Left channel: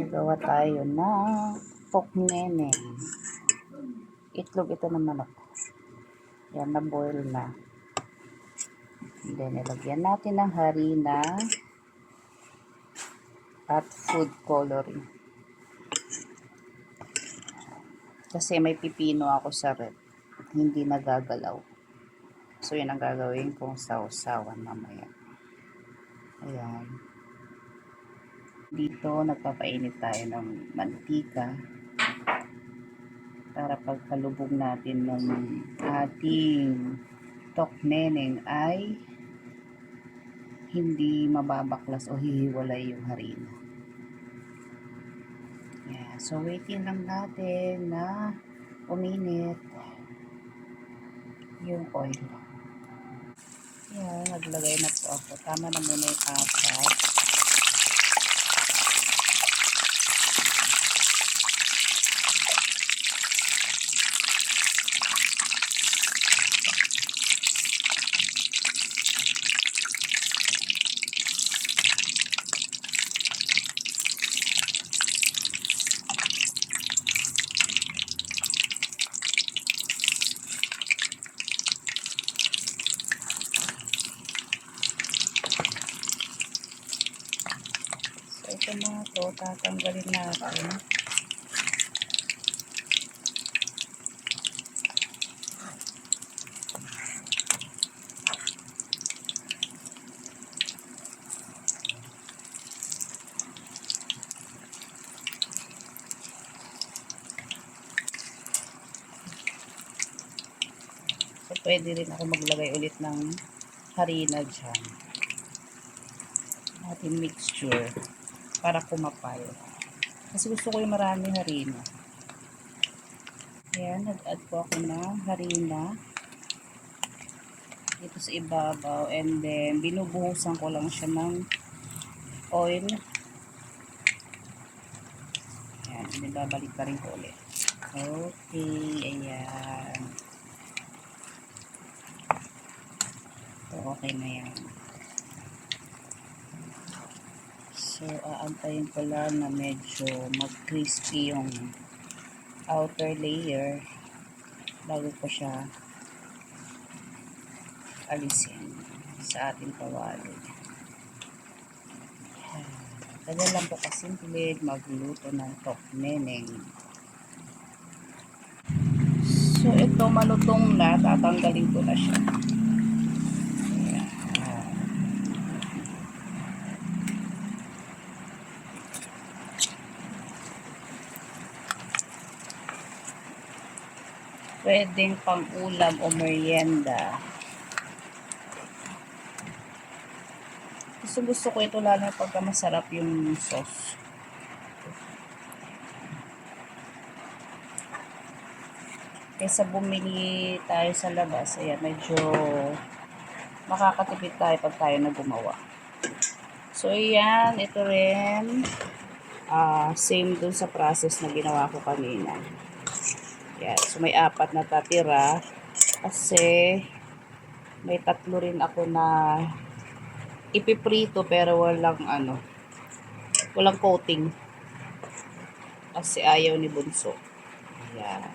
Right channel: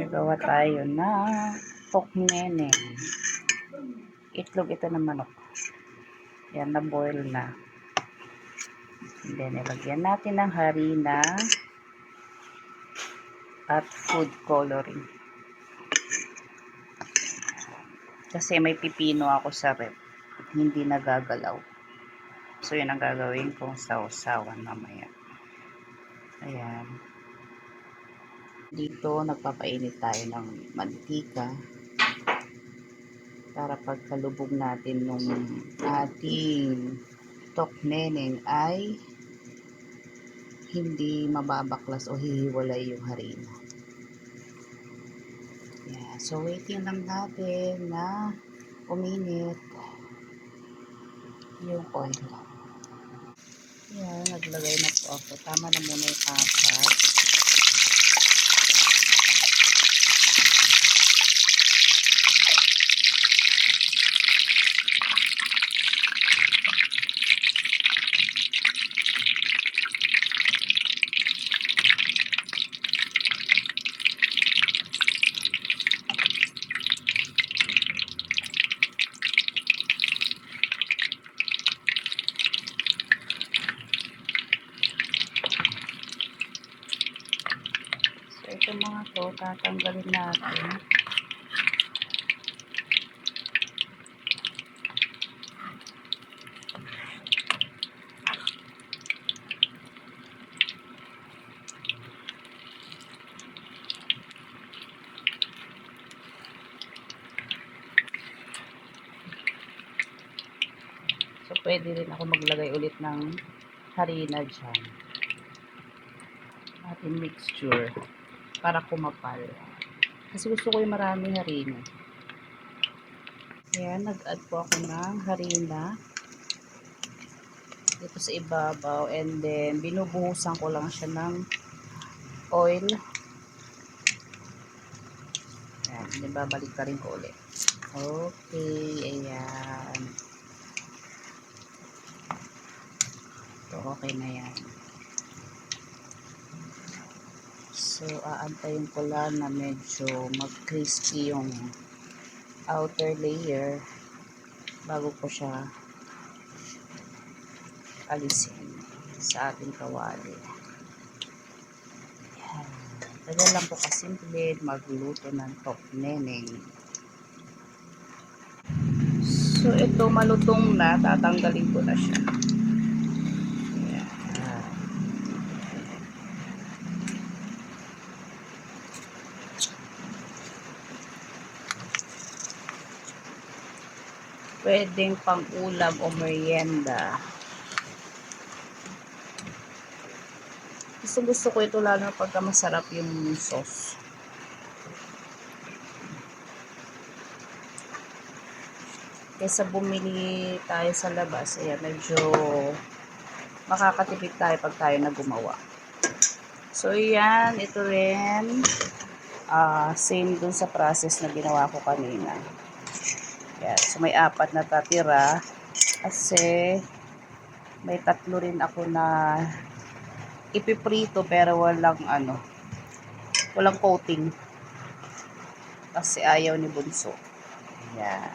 Gagawa tayo ng pokneneng. Itlog ito ng manok. Yan, na-boil na. And then, ilagyan natin ng harina at food coloring. Kasi may pipino ako sa rep. Hindi nagagalaw. So, yun ang gagawin kong sausawan mamaya. Ayan. Dito, nagpapainit tayo ng mantika para pagkalubog natin nung ating tokneneng ay hindi mababaklas o hihiwalay yung harina. Yeah, so waiting lang natin na uminit yung oil. Yan, naglagay na po ako. Tama na muna yung apat. So, ito mga to, tatanggalin natin. So, pwede rin ako maglagay ulit ng harina dyan. Ating mixture para kumapal. Kasi gusto ko yung maraming harina. Ayan, nag-add po ako ng harina dito sa ibabaw. And then, binubuhusan ko lang siya ng oil. Ayan, then babalik ka rin ko ulit. Okay, ayan. So, okay na yan. So, aantayin ko lang na medyo mag-crispy yung outer layer bago ko siya alisin sa ating kawali. Yan. Tagal lang po kasimple magluto ng tokneneng. So, ito malutong na. Tatanggalin ko na siya. Pwedeng pang ulam o merienda. Gusto ko ito lalo na pagka masarap yung sauce. Kaysa bumili tayo sa labas, ayan, medyo makakatipid tayo pag tayo na gumawa. So, yan, ito rin, same dun sa process na ginawa ko kanina. Yan, so may 4 na tatira kasi may 3 rin ako na ipiprito pero walang coating kasi ayaw ni Bunso. Yan.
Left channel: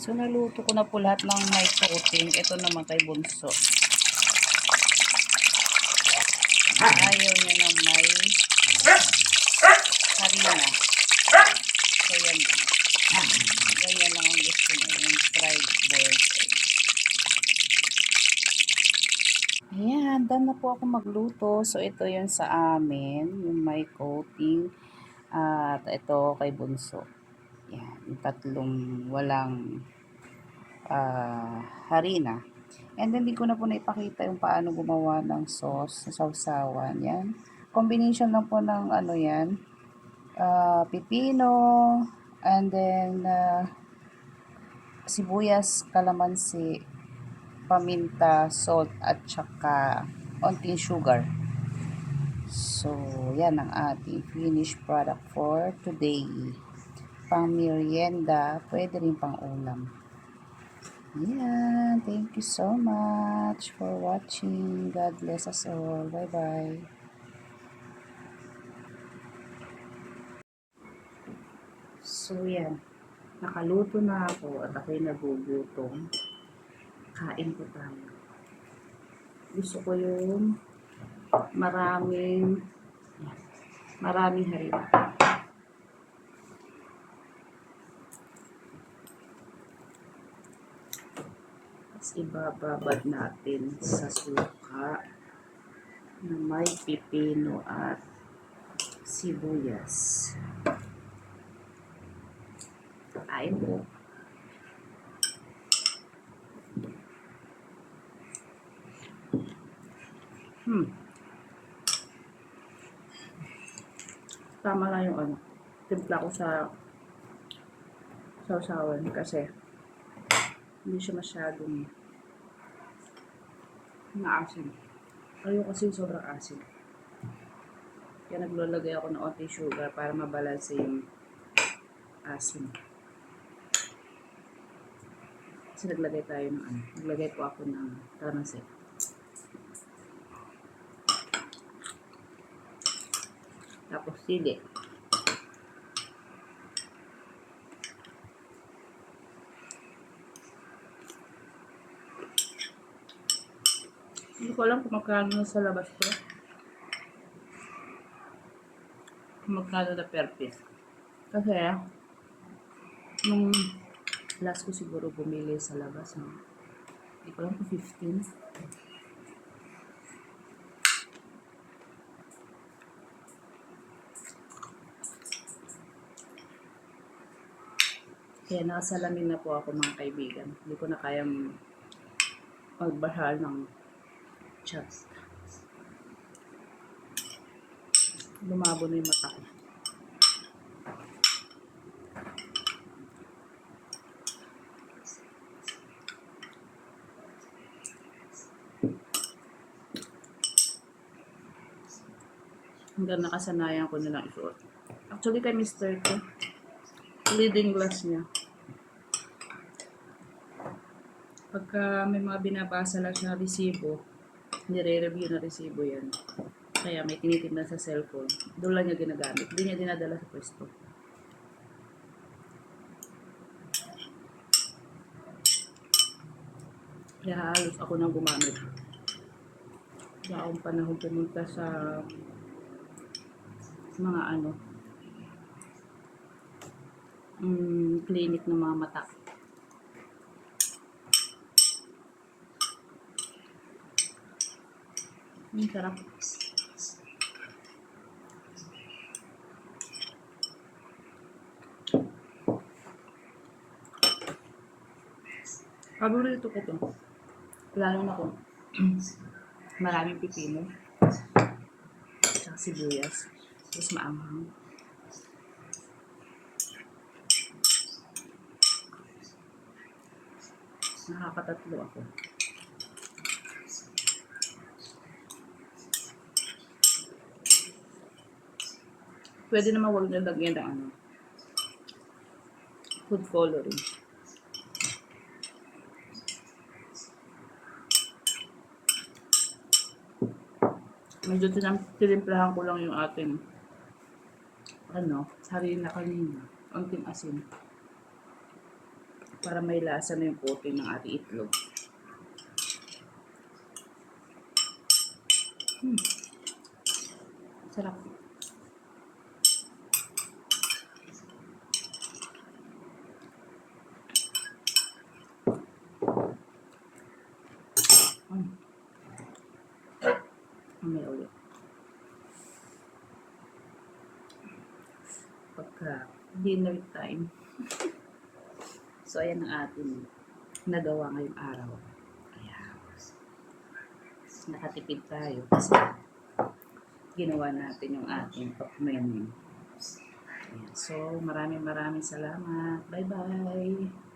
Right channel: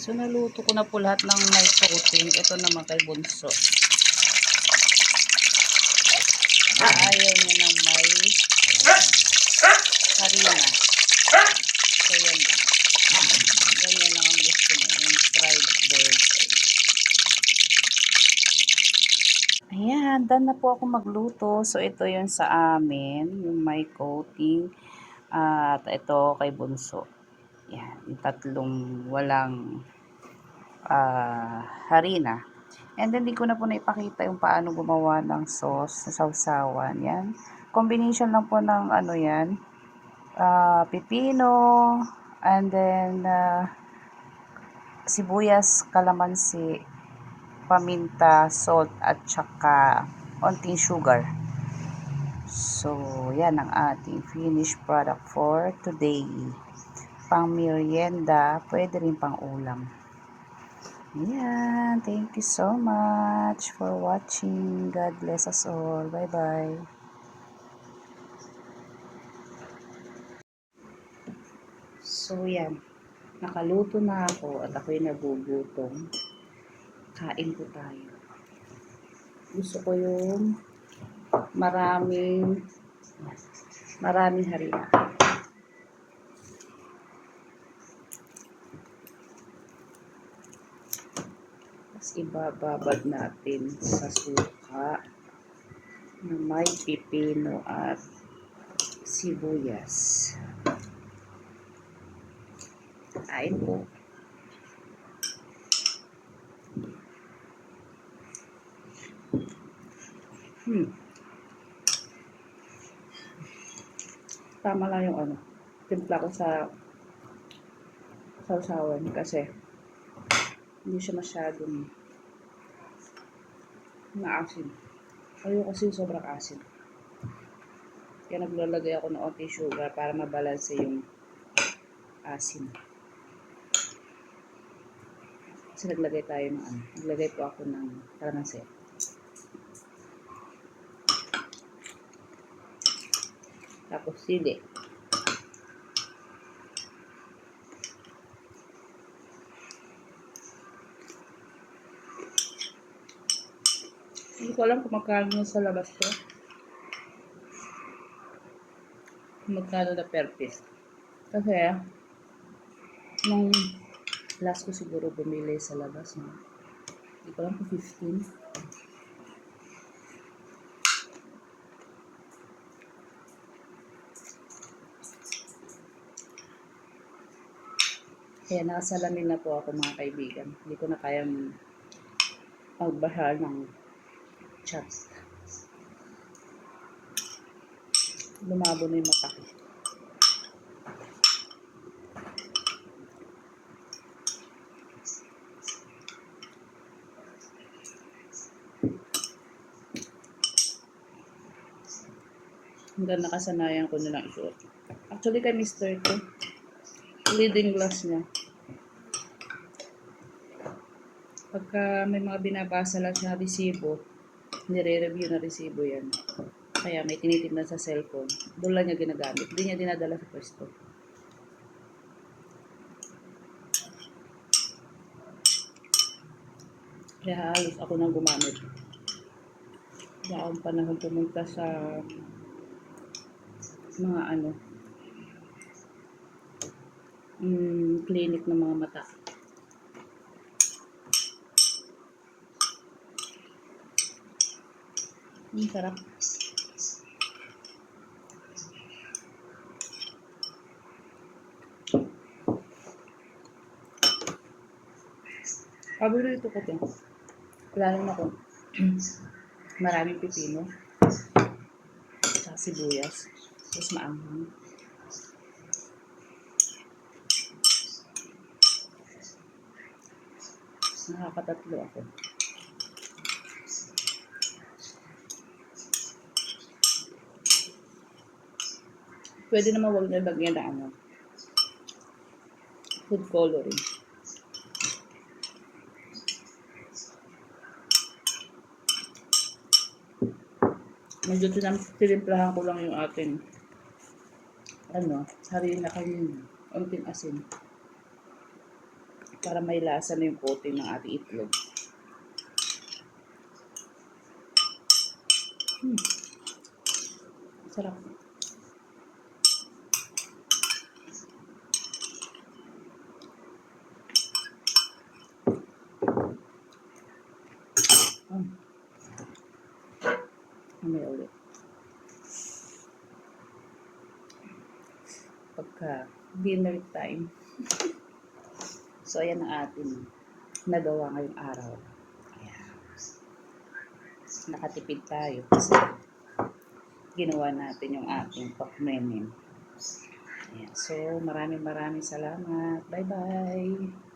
So naluto ko na po lahat ng may coating. Ito naman kay Bunso. Ayaw niya ng may harina. So yan lang. Ganyan lang ang gusto niya. Yung fried boiled egg. Ayan, done na po ako magluto. So, ito yun sa amin, yung may coating. At ito kay Bunso. Yan, yung 3 walang harina. And then, di ko na po naipakita yung paano gumawa ng sauce, sa sausawan. Yan. Combination lang po ng yan, pipino, and then, sibuyas, kalamansi, paminta, salt, at saka onting sugar. So, yan ang ating finished product for today. Pang merienda, pwede rin pang ulam. Yan. Thank you so much for watching. God bless us all. Bye-bye. So, yan. Nakaluto na ako at ako'y nagugutom. Kain po tayo. Gusto ko yung maraming harina. Tapos ibababad natin sa suka na may pipino at sibuyas. Kain po. Tama lang yung timpla ko sa sausawan kasi hindi siya masyadong maasim. Ayoko kasi sobrang asim. Kaya naglalagay ako ng onti sugar para mabalanse yung asim. Kasi naglagay po ako ng kalamansi. Tapos sili. Hindi ko alam kung magkano sa labas to. Kung magkano na per piece. Kasi, nung last ko siguro bumili sa labas, no? Hindi ko alam kung 15. Kaya nakasalamin na po ako mga kaibigan. Hindi ko na kayang magbahal ng chat. Lumabo na yung mata ko. Hanggang nakasanayan ko na lang isuot. Actually kay Mr. ko, leading glass niya. Pagka may mga binabasa lang siya na resibo, nire-review na resibo yan. Kaya may tinitignan sa cellphone. Doon lang niya ginagamit. Hindi niya dinadala sa pwesto. Kaya halos ako nang gumamit. Wala akong panahon pumunta sa mga clinic ng mga mata. Sarap. Paborito ko to. Lalo na kung maraming pipino. Tsaka sibuyas. Tapos maanghang. Nakakatatlo ako. Pwede naman wag nilagyan ng food coloring. Medyo tinimplahan ko lang yung ating harina kanina. Unting asin. Para may lasa na yung coating ng ating itlog. Sarap. Mamaya ulit. Pagka dinner time. So, ayan ang ating nagawa ngayong araw. Ayan. Nakatipid tayo kasi ginawa natin yung ating pag-memen. Ayan. So, maraming salamat. Bye-bye!